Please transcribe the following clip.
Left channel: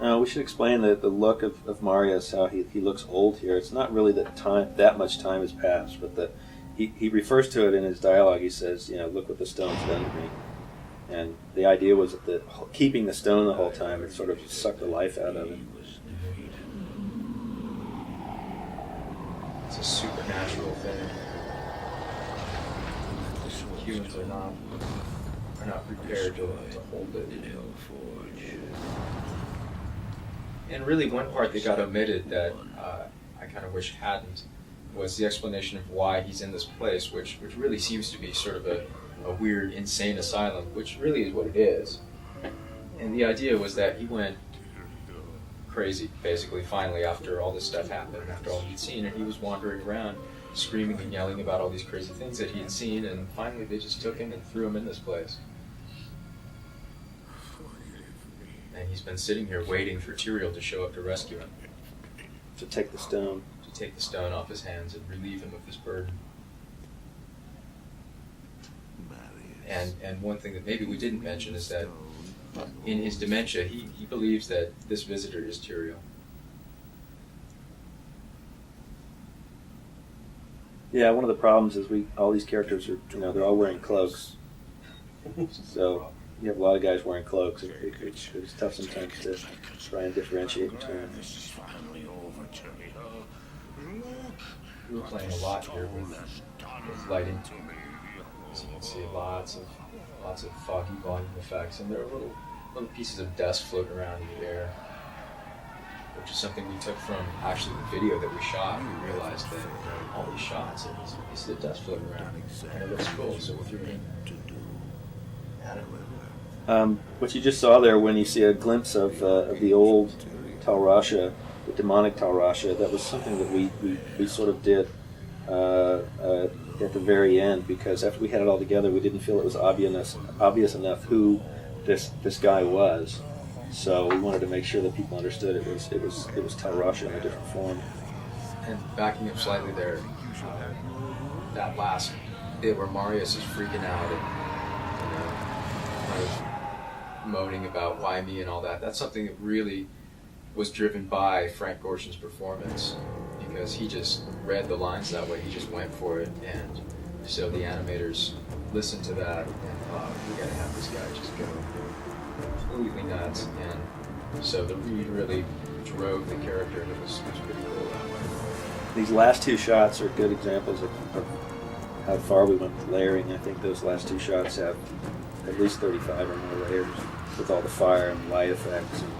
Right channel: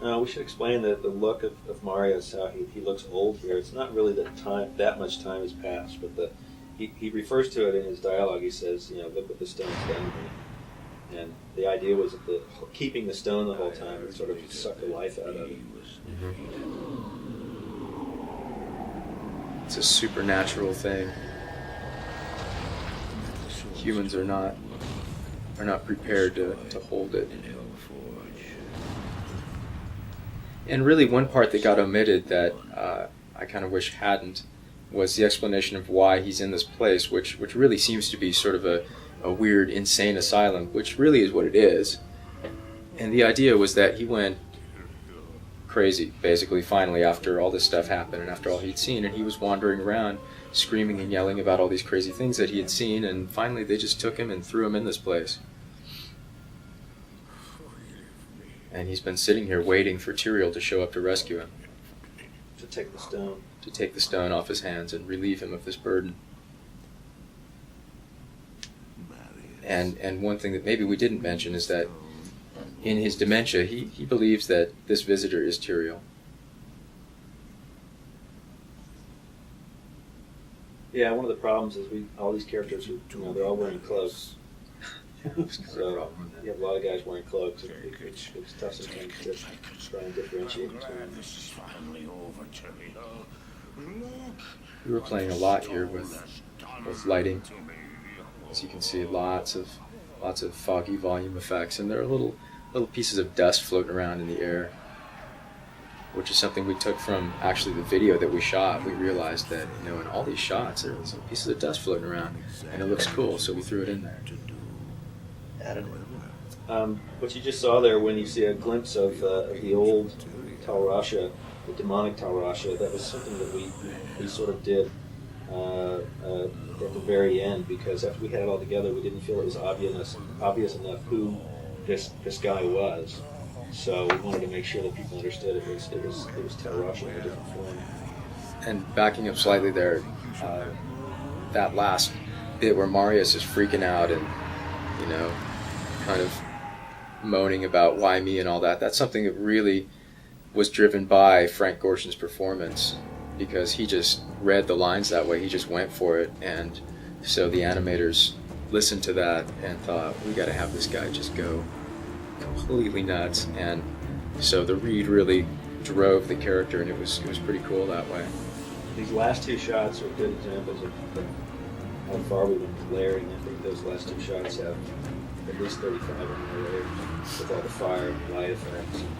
We should explain that the look of Marius, how he looks old here. It's not really that much time has passed, but that he refers to it in his dialogue. He says, look what the stone's done to me. And the idea was that keeping the stone the whole time, it sort of sucked the life out of it. It's a supernatural thing. Humans are not prepared to hold it. And really, one part that got omitted that I kind of wish hadn't was the explanation of why he's in this place, which really seems to be sort of a weird, insane asylum, which really is what it is. And the idea was that he went crazy, basically, finally, after all this stuff happened and after all he'd seen, and he was wandering around screaming and yelling about all these crazy things that he had seen, and finally they just took him and threw him in this place. And he's been sitting here waiting for Tyrael to show up to rescue him. To take the stone. To take the stone off his hands and relieve him of this burden. And one thing that maybe we didn't mention is that in his dementia, he believes that this visitor is Tyrael. Yeah, one of the problems is all these characters are, they're all wearing cloaks. So you have a lot of guys wearing cloaks. It's tough sometimes to try and differentiate between them. This is finally over, Tyrael. Look. We were playing a lot here with lighting. As you can see, lots of foggy volume effects, and there are little pieces of dust floating around in the air, which is something we took from actually the video that we shot. We realized that in all these shots there's pieces of dust floating around, and it looks cool, so we threw it in there. What you just saw there, when you see a glimpse of the old Tal Rasha, the demonic Tal Rasha, that was something that we sort of did at the very end, because after we had it all together, we didn't feel it was obvious enough who this guy was. So we wanted to make sure that people understood it was Tal Rasha in a different form. And backing up slightly there, that last bit where Marius is freaking out and kind of moaning about why me and all that, that's something that really was driven by Frank Gorshin's performance, because he just read the lines that way. He just went for it, and so the animators listened to that and thought, we got to have this guy just go completely nuts. And so the read really drove the character, and it was pretty cool that way. These last two shots are good examples of how far we went with layering. I think those last two shots have at least 35 or more layers with all the fire and light effects and